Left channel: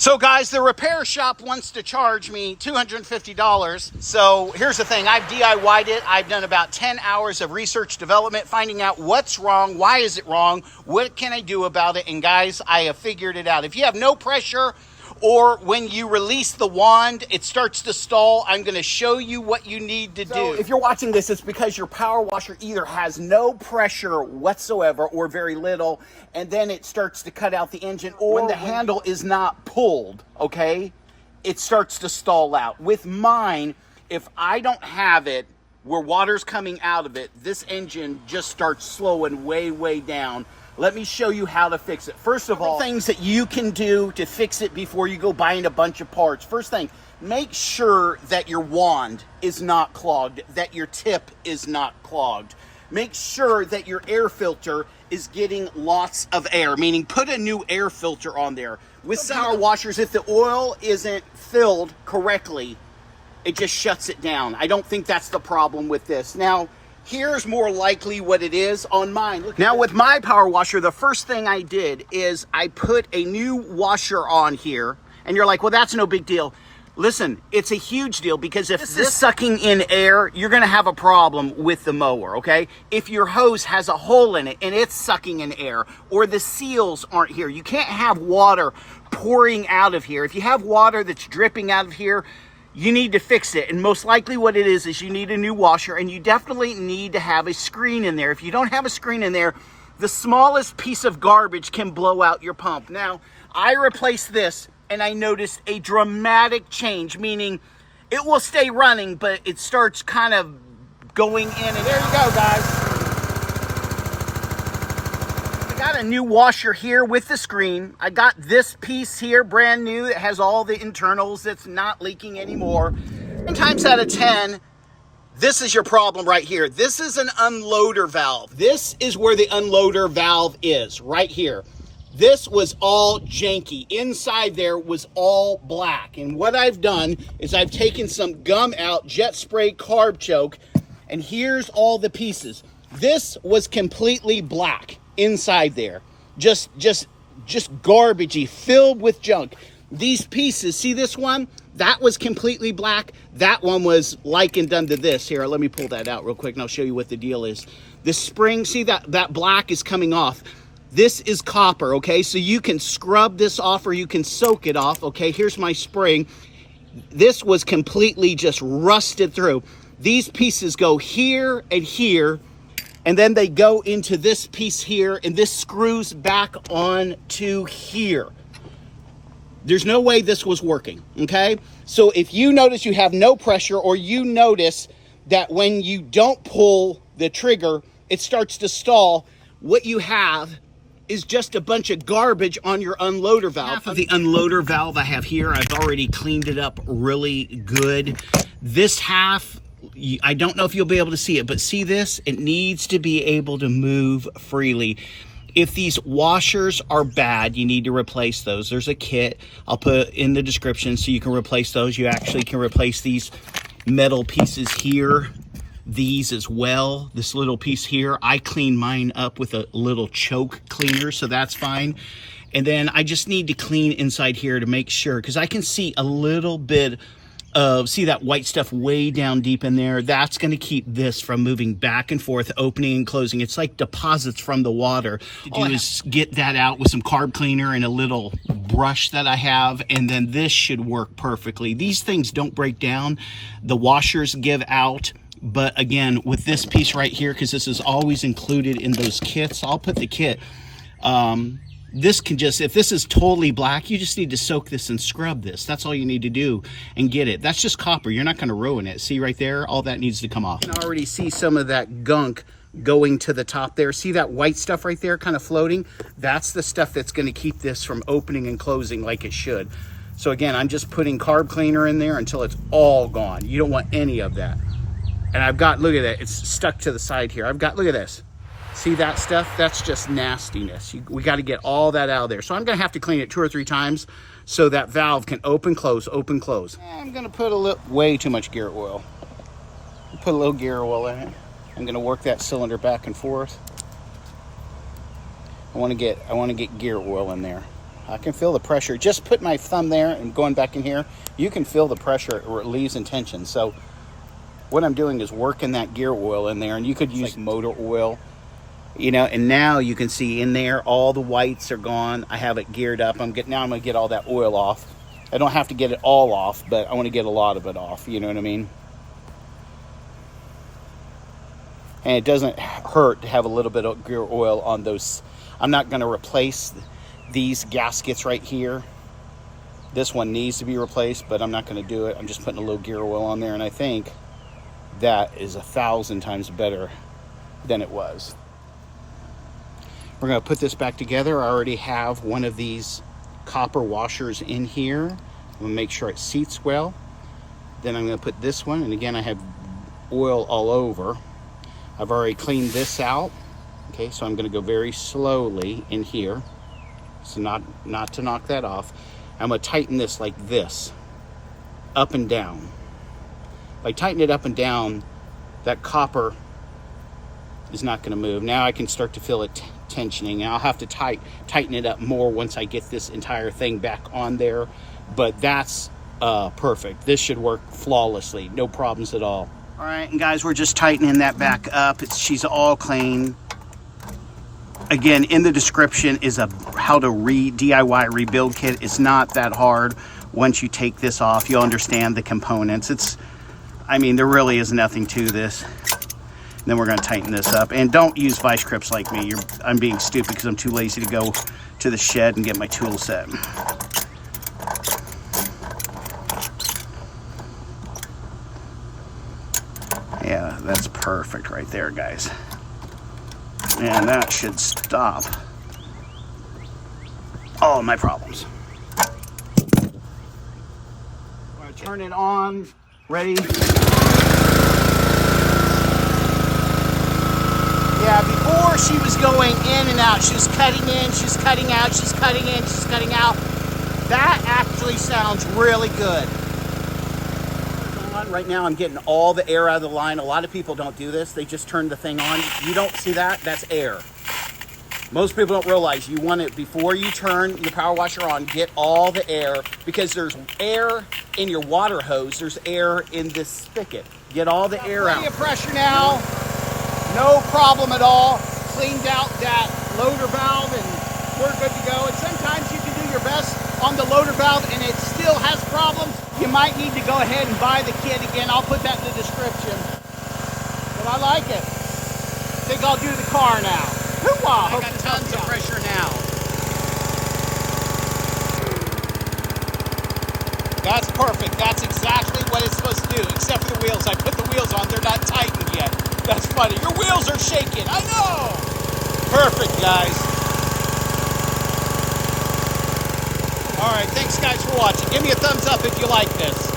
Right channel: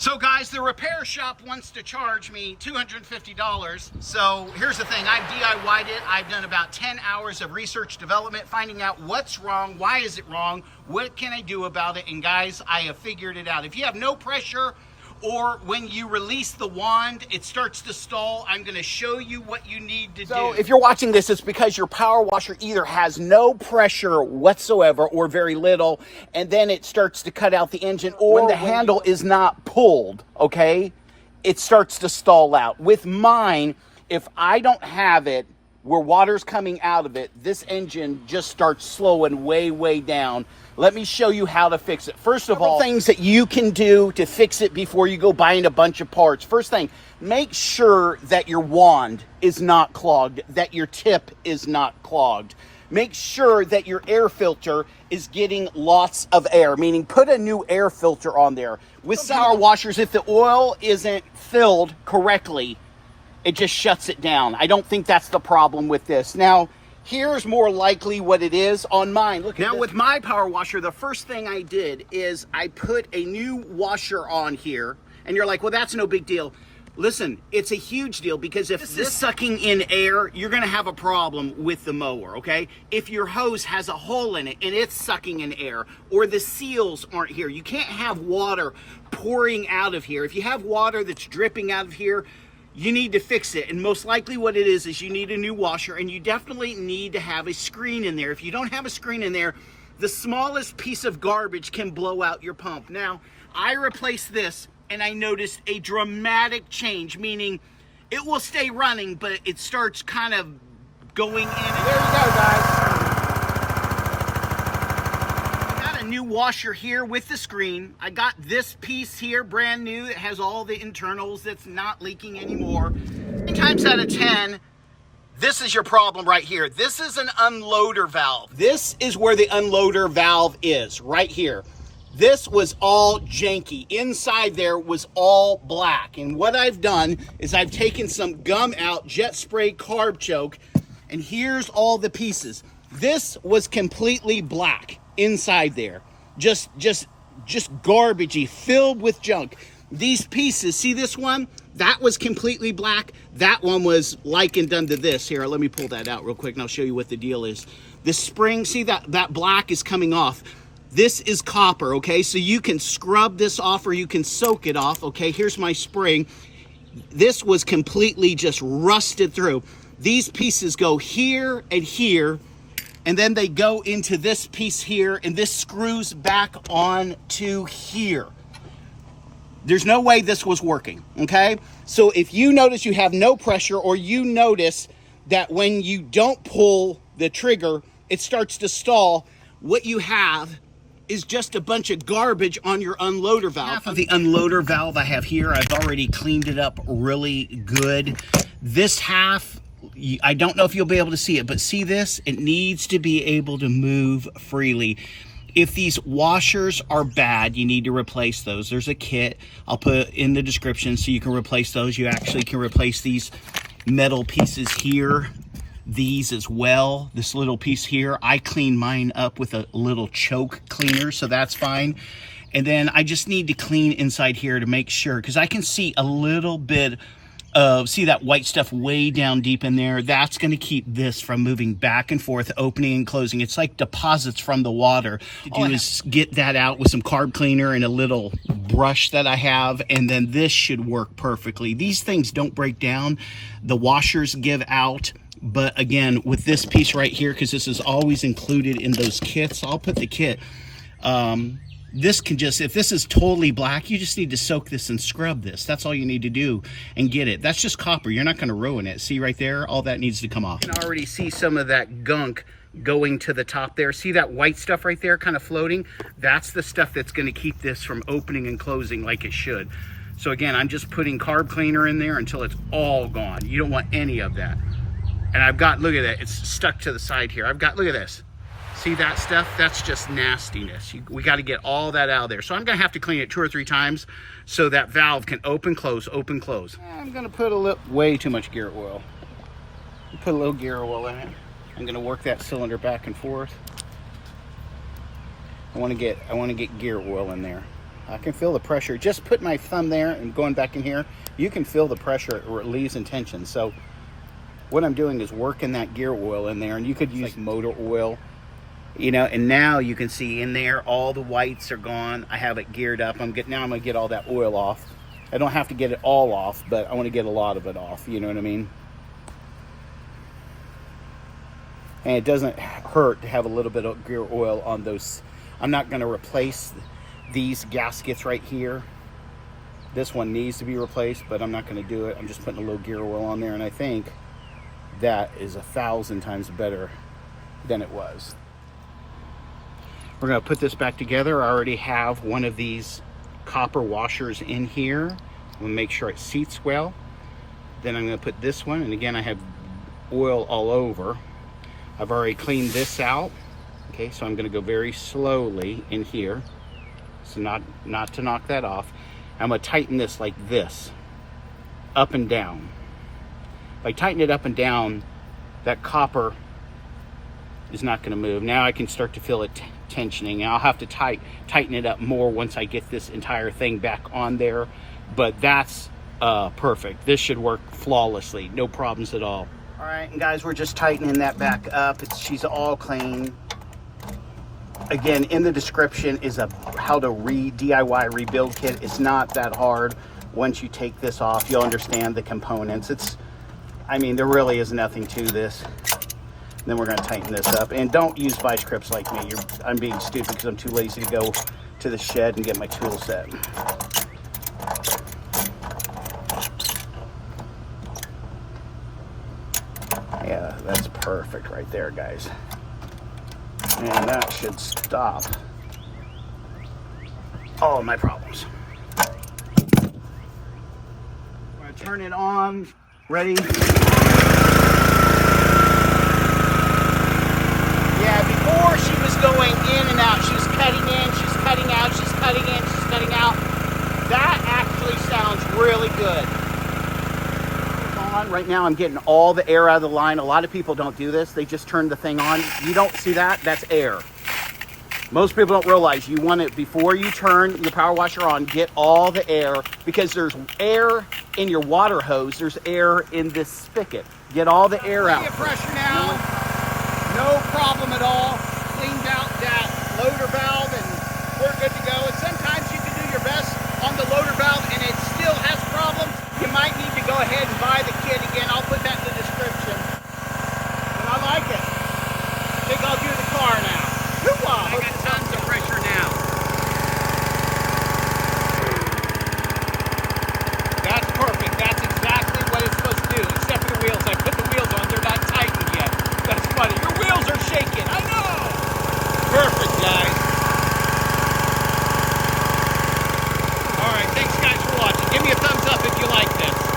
So guys, the repair shop wants to charge me $250. So here's the thing, I've DIY'd it. I've done about 10 hours of research development, finding out what's wrong, why is it wrong, what can I do about it, and guys, I have figured it out. If you have no pressure, or when you release the wand, it starts to stall, I'm gonna show you what you need to do. If you're watching this, it's because your power washer either has no pressure whatsoever or very little, and then it starts to cut out the engine, or when the handle is not pulled, okay, it starts to stall out. With mine, if I don't have it where water's coming out of it, this engine just starts slowing way down. Let me show you how to fix it. First of all, things that you can do to fix it before you go buying a bunch of parts. First thing, make sure that your wand is not clogged, that your tip is not clogged. Make sure that your air filter is getting lots of air, meaning put a new air filter on there. With power washers, if the oil isn't filled correctly, it just shuts it down. I don't think that's the problem with this. Now, here's more likely what it is on mine. Look, now with my power washer, the first thing I did is I put a new washer on here, and you're like, well, that's no big deal. Listen, it's a huge deal, because if this is sucking in air, you're gonna have a problem with the mower, okay? If your hose has a hole in it and it's sucking in air, or the seals aren't here, you can't have water pouring out of here. If you have water that's dripping out of here, you need to fix it, and most likely what it is you need a new washer, and you definitely need to have a screen in there. If you don't have a screen in there, the smallest piece of garbage can blow out your pump. Now, I replaced this, and I noticed a dramatic change, meaning it will stay running, but it starts kind of going in. And there you go, guys. New washer here with the screen. I got this piece here brand new that has all the internals, that's not leaking anymore. 10 times out of 10, this is your problem right here. This is an unloader valve. This is where the unloader valve is, right here. This was all janky. Inside there was all black. And what I've done is I've taken some gum out, jet spray carb choke, and here's all the pieces. This was completely black inside there, just garbagey, filled with junk. These pieces, see this one? That was completely black. That one was like and done to this. Here, let me pull that out real quick and I'll show you what the deal is. The spring, see that black is coming off. This is copper, okay? So you can scrub this off or you can soak it off, okay? Here's my spring. This was completely just rusted through. These pieces go here and here, and then they go into this piece here, and this screws back on to here. There's no way this was working, okay? So if you notice you have no pressure, or you notice that when you don't pull the trigger, it starts to stall, what you have is just a bunch of garbage on your unloader valve. Half of the unloader valve I have here, I've already cleaned it up really good. This half, I don't know if you'll be able to see it, but see this? It needs to be able to move freely. If these washers are bad, you need to replace those. There's a kit I'll put in the description so you can replace those. You actually can replace these metal pieces here, these as well. This little piece here, I clean mine up with a little choke cleaner, so that's fine. And then I just need to clean inside here to make sure, because I can see a little bit of, see that white stuff way down deep in there? That's going to keep this from moving back and forth, opening and closing. It's like deposits from the water. What you do is get that out with some carb cleaner and a little brush that I have, and then this should work perfectly. These things don't break down. The washers give out. But again, with this piece right here, because this is always included in those kits, I'll put the kit. This can just, if this is totally black, you just need to soak this and scrub this. That's all you need to do and get it. That's just copper. You're not going to ruin it. See right there? All that needs to come off. You can already see some of that gunk going to the top there. See that white stuff right there kind of floating? That's the stuff that's going to keep this from opening and closing like it should. So again, I'm just putting carb cleaner in there until it's all gone. You don't want any of that. And I've got, look at it, it's stuck to the side here. I've got, look at this. See that stuff? That's just nastiness. We got to get all that out of there. So I'm going to have to clean it 2 or 3 times so that valve can open, close, open, close. I'm going to put a little, way too much gear oil. Put a little gear oil in it. I'm going to work that cylinder back and forth. I want to get gear oil in there. I can feel the pressure. Just put my thumb there and going back in here, you can feel the pressure it leaves in tension. So what I'm doing is working that gear oil in there, and you could use like motor oil, you know, and now you can see in there all the whites are gone. I have it geared up. Now I'm going to get all that oil off. I don't have to get it all off, but I want to get a lot of it off, you know what I mean? And it doesn't hurt to have a little bit of gear oil on those. I'm not going to replace these gaskets right here. This one needs to be replaced, but I'm not going to do it. I'm just putting a little gear oil on there, and I think that is 1,000 times better than it was. We're going to put this back together. I already have one of these copper washers in here. I'm going to make sure it seats well. Then I'm going to put this one, and again, I have oil all over. I've already cleaned this out. Okay, so I'm going to go very slowly in here, so not to knock that off. I'm going to tighten this like this, up and down. If I tighten it up and down, that copper is not going to move. Now I can start to feel it tensioning. I'll have to tighten it up more once I get this entire thing back on there, but that's perfect. This should work flawlessly, no problems at all. All right, and guys, we're just tightening that back up. She's all clean. Again, in the description is a how to DIY rebuild kit. It's not that hard. Once you take this off, you'll understand the components. I mean, there really is nothing to this. Then we're going to tighten this up. And don't use vice grips like me. I'm being stupid because I'm too lazy to go to the shed and get my tool set. Yeah, that's perfect right there, guys. And that should stop all my problems. I'm going to turn it on. Ready? Yeah, before she was going in and out. She's cutting in, she's cutting out, she's cutting in, she's cutting out. That actually sounds really good. Right now I'm getting all the air out of the line. A lot of people don't do this. They just turn the thing on. You don't see that? That's air. Most people don't realize you want it before you turn your power washer on, get all the air, because there's air in your water hose, there's air in this spigot. Get all the air out. Pressure now, no problem at all. Cleaned out that loader valve and we're good to go. And sometimes you can do your best on the loader valve and it still has problems. You might need to go ahead and buy the kit again. I'll put that in the description. But I like it. I think I'll do the car now. I got tons of pressure now. That's perfect. That's exactly what it's supposed to do, except for the wheels. I put the wheels on. They're not tightened yet. That's funny. Your wheels are shaking. I know. Perfect, guys. All right. Thanks, guys, for watching. Give me a thumbs up if you like this.